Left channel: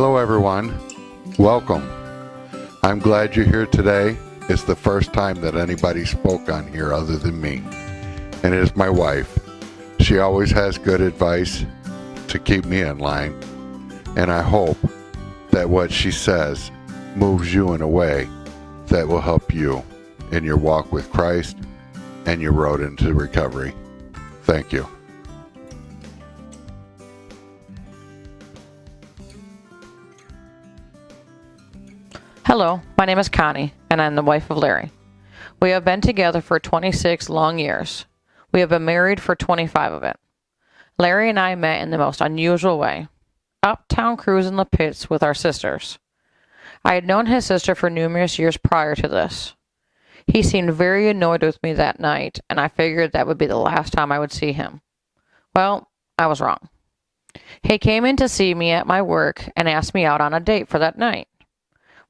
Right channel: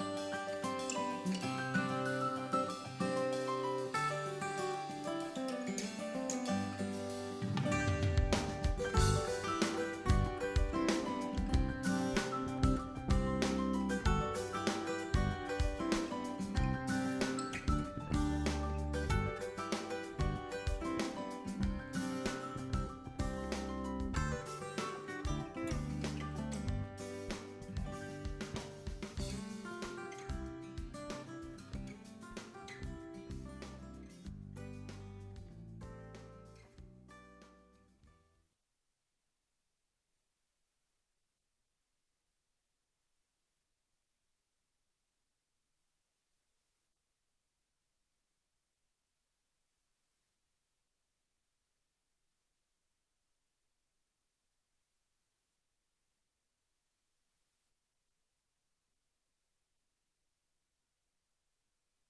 Hello everyone, welcome. I'm glad you're here today. It's the first time that anybody spoke on here other than me. And it is my wife. She always has good advice to keep me in line. And I hope that what she says moves you in a way that will help you in your walk with Christ and your road into recovery. Thank you. Hello, my name is Connie, and I'm the wife of Larry. We have been together for 26 long years. We have been married for 25 of it. Larry and I met in the most unusual way. Uptown cruising the pits with our sisters. I had known his sister for numerous years prior to this. He seemed very annoyed with me that night, and I figured that would be the last time I would see him. Well, I was wrong. He came in to see me at my work and asked me out on a date for that night.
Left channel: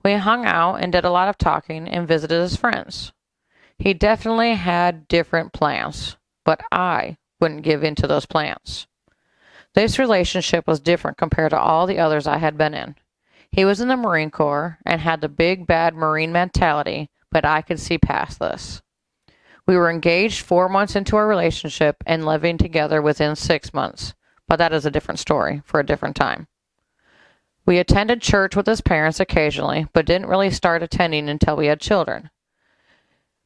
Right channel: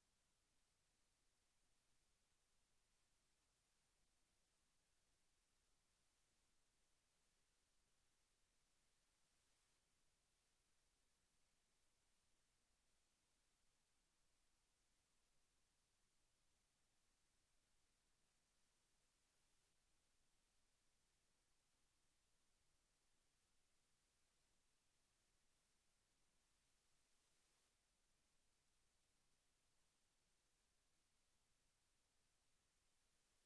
We hung out and did a lot of talking and visited his friends. He definitely had different plans, but I wouldn't give in to those plans. This relationship was different compared to all the others I had been in. He was in the Marine Corps and had the big bad Marine mentality, but I could see past this. We were engaged 4 months into our relationship and living together within 6 months, but that is a different story for a different time. We attended church with his parents occasionally, but didn't really start attending until we had children.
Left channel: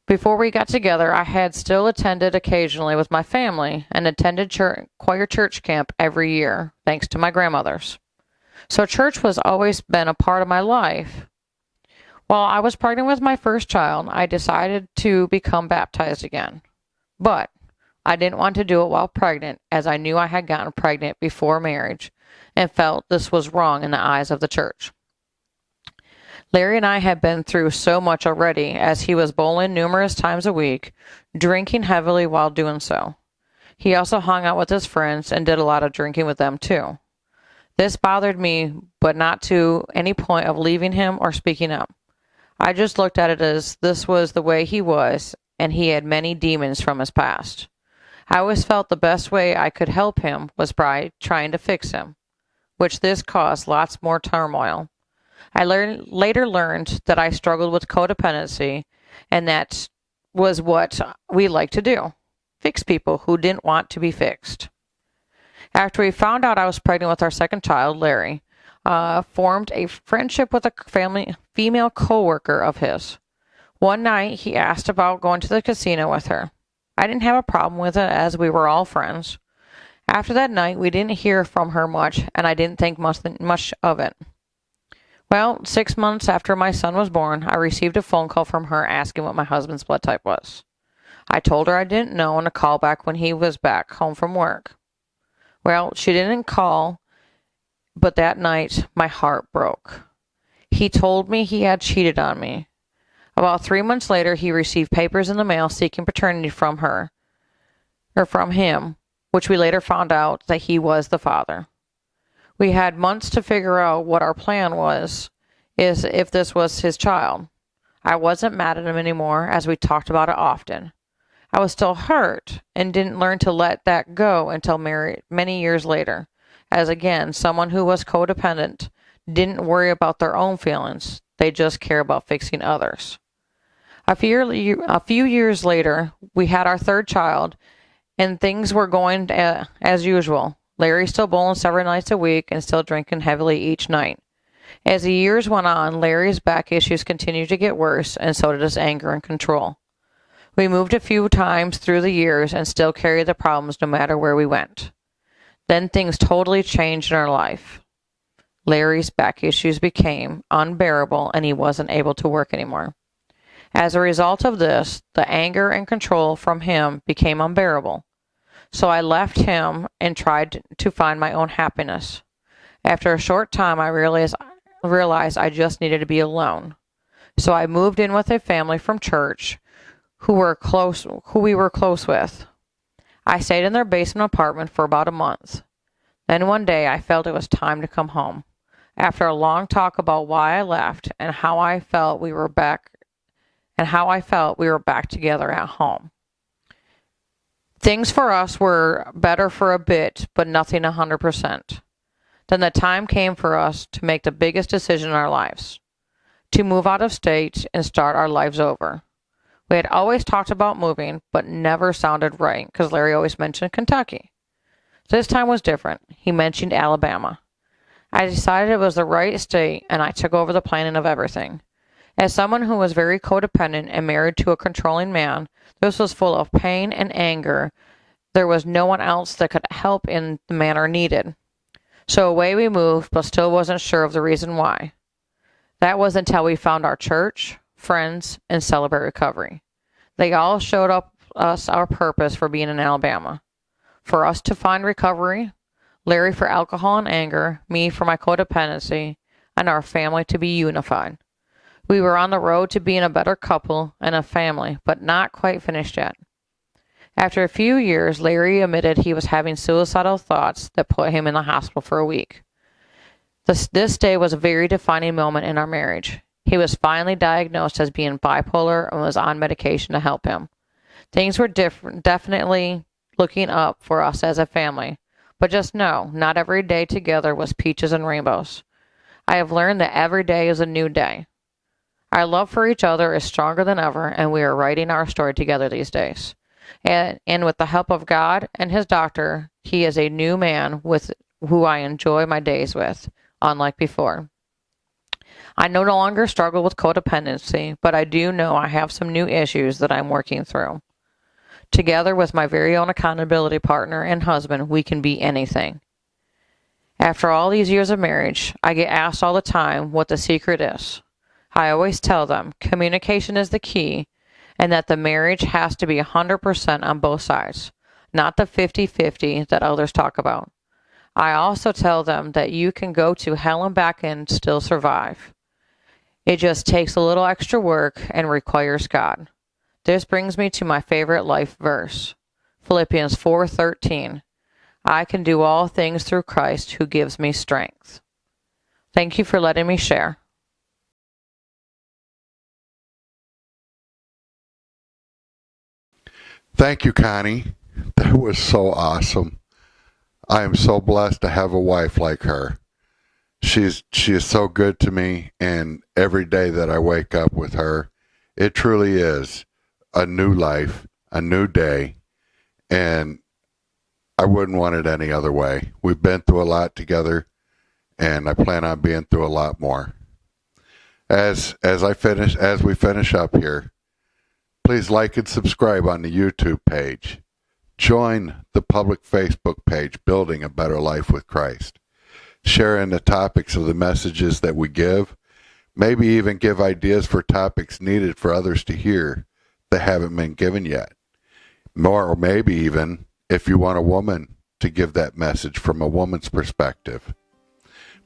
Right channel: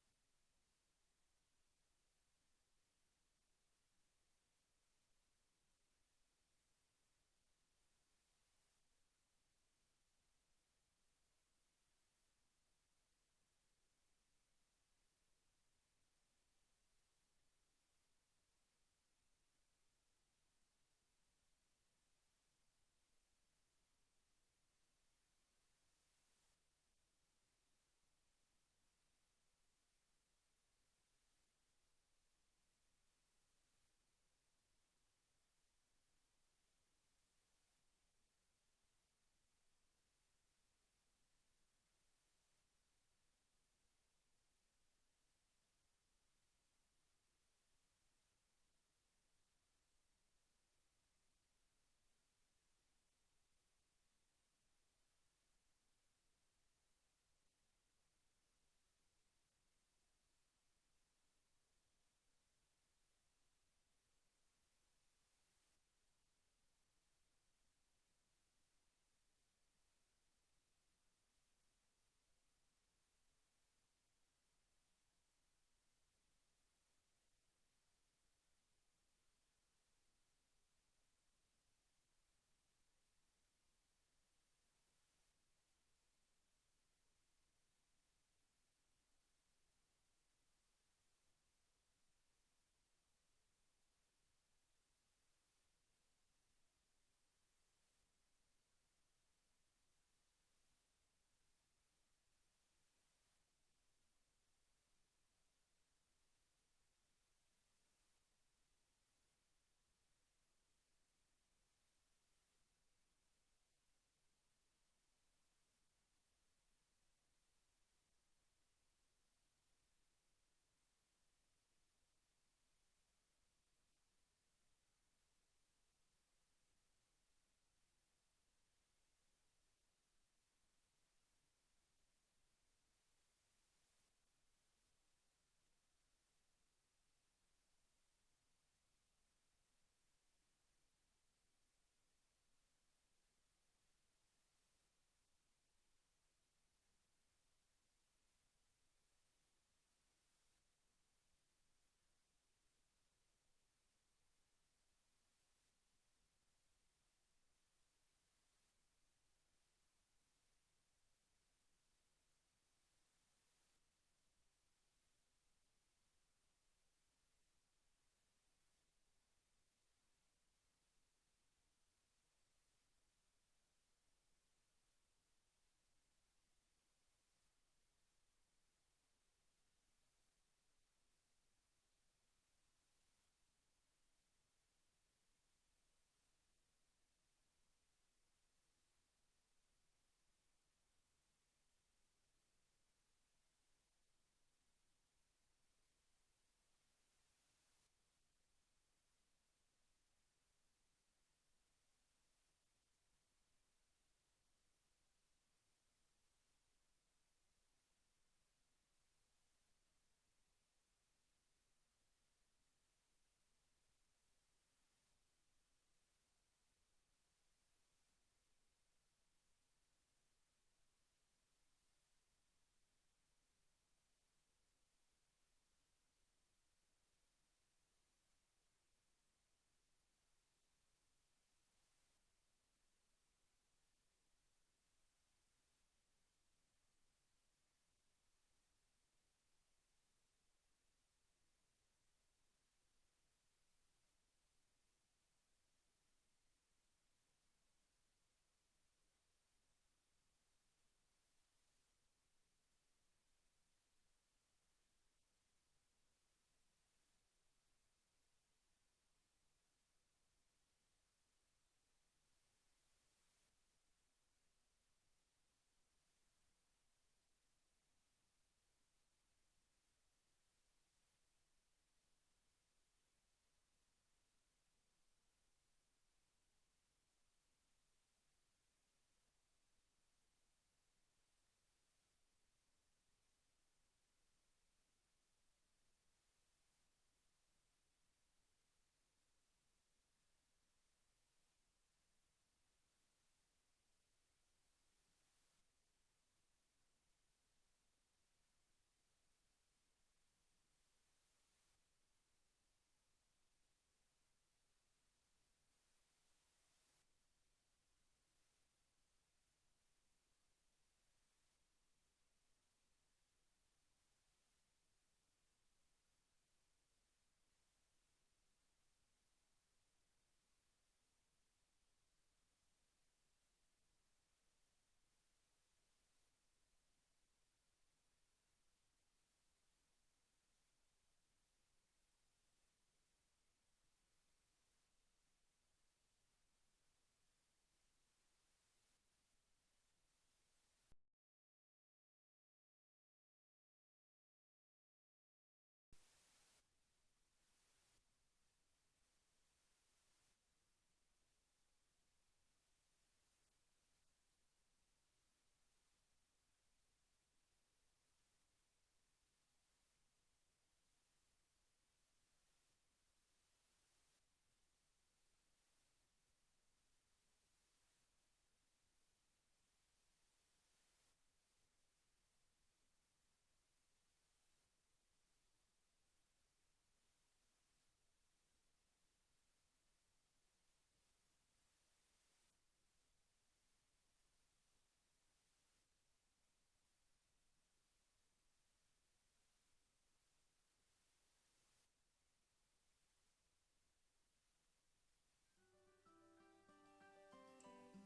Before we got together, I had still attended occasionally with my family and attended choir church camp every year, thanks to my grandmothers. So church was always been a part of my life. While I was pregnant with my first child, I decided to become baptized again. But I didn't want to do it while pregnant, as I knew I had gotten pregnant before marriage and felt this was wrong in the eyes of the church. Larry and I had been through so much already, as he was bowling numerous times a week, drinking heavily while doing so. He also hung out with his friends and did a lot of drinking with them too. This bothered me, but not to any point of leaving him or speaking up. I just looked at it as this was the way he was, and he had many demons from his past. I always felt the best way I could help him was by trying to fix him, which this caused lots more turmoil. I later learned that I struggled with codependency, and that was what we like to do, fix people who didn't want to be fixed. After we found out I was pregnant with our second child, Larry formed a friendship with a female coworker of his. One night, he asked about going to the casino with her. I didn't have a problem with it, as we were all friends. After that night, we didn't hear from her much, and I didn't think much of it. Well, 6 months after my son was born, I received a phone call from her asking what my husband's blood type was. I told her I didn't know and to call back when he was back home from work. Well, she didn't call, but that night, my heart broke. He told me he had cheated on me. About 3 months later, he received papers in the mail seeking paternity from him, which we later found out that he was the father. We had months to figure out what our plan was, if this was his child. I wasn't mad at him anymore, as we talked about it often. I was still hurt and didn't learn to let that go until many years later, as again, someone who was codependent didn't worry about their own feelings. They just care about fixing others. A few years later, we had our third child, and things were going as usual. Larry still bowling several nights a week and still drinking heavily each night. As the years went on, Larry's back issues continued to get worse, and so did his anger and control. We moved a few times through the years and still carried the problems no matter where we went. Then things totally changed in our life. Larry's back issues became unbearable, and he wasn't able to work anymore. As a result of this, the anger and control from him became unbearable. So I left him and tried to find my own happiness. After a short time, I realized I just needed to be alone. So I moved in with a family from church who we were close with. I stayed in their basement apartment for about a month. Then one day I felt it was time to come home. After a long talk about why I left and how I felt we were back together at home. Things for us were better for a bit, but nothing 100%. Then the time came for us to make the biggest decision in our lives, to move out of state and start our lives over. We had always talked about moving, but never sounded right because Larry always mentioned Kentucky. This time was different. He mentioned Alabama. I decided it was the right state, and I took over the planning of everything. As someone who was very codependent and married to a controlling man, this was full of pain and anger. There was no one else that could help in the manner needed. So away we moved, but still wasn't sure of the reason why. That was until we found our church, friends, and Celebrate Recovery. They all showed us our purpose for being in Alabama. For us to find recovery, Larry for alcohol and anger, me for my codependency, and our family to be unified. We were on the road to being a better couple and a family, but not quite finished yet. After a few years, Larry admitted he was having suicidal thoughts that put him in the hospital for a week. This day was a very defining moment in our marriage. He was finally diagnosed as being bipolar and was on medication to help him. Things were definitely looking up for us as a family, but just know, not every day together was peaches and rainbows. I have learned that every day is a new day. Our love for each other is stronger than ever, and we are writing our story together these days. And with the help of God and his doctor, he is a new man with who I enjoy my days with, unlike before. I no longer struggle with codependency, but I do know I have some new issues that I'm working through. Together with my very own accountability partner and husband, we can be anything. After all these years of marriage, I get asked all the time what the secret is. I always tell them communication is the key and that the marriage has to be 100% on both sides, not the 50-50 that others talk about. I also tell them that you can go to hell and back and still survive. It just takes a little extra work and requires God. This brings me to my favorite life verse, Philippians 4:13. I can do all things through Christ who gives me strength. Thank you for letting me share. Thank you, Connie. That was so awesome. I am so blessed to have a wife like her. She is so good to me, and every day that I wake up with her, it truly is a new life, a new day, and I wouldn't want it any other way. We've been through a lot together, and I plan on being through a lot more. As we finish up here, please like and subscribe on the YouTube page. Join the public Facebook page, Building a Better Life with Christ. Share in the topics of the messages that we give. Maybe even give ideas for topics needed for others to hear that haven't been given yet. Or maybe even if you want a woman to give that message from a woman's perspective.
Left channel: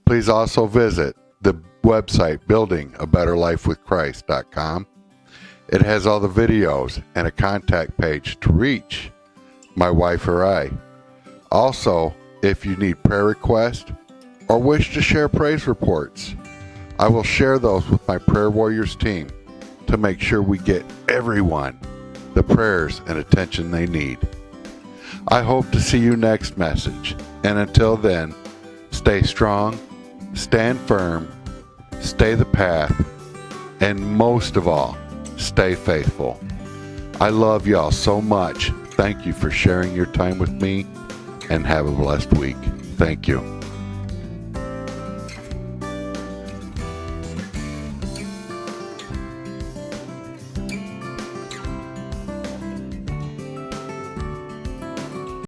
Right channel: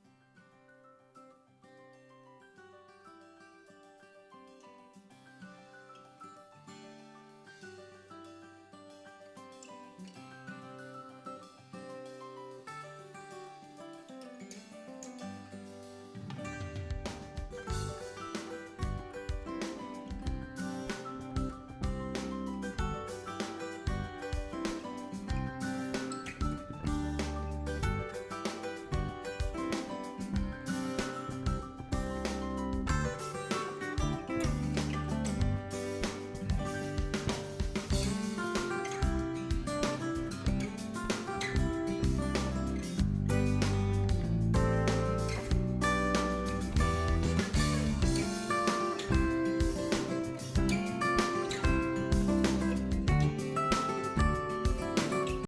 Please also visit the website buildingabetterlifewithchrist.com. It has all the videos and a contact page to reach my wife or I. Also, if you need prayer requests or wish to share praise reports, I will share those with my Prayer Warriors team to make sure we get everyone the prayers and attention they need. I hope to see you next message, and until then, stay strong, stand firm, stay the path, and most of all, stay faithful. I love y'all so much. Thank you for sharing your time with me, and have a blessed week. Thank you.